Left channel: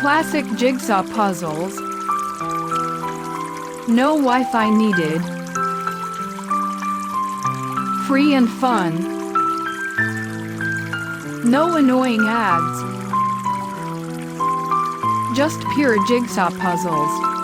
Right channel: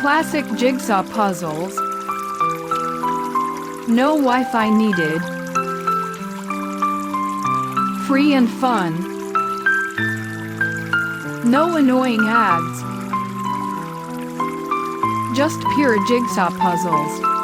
Classic jigsaw puzzles. No Wi-Fi needed. Free and fun. No annoying ads. Just pure jigsaw puzzles.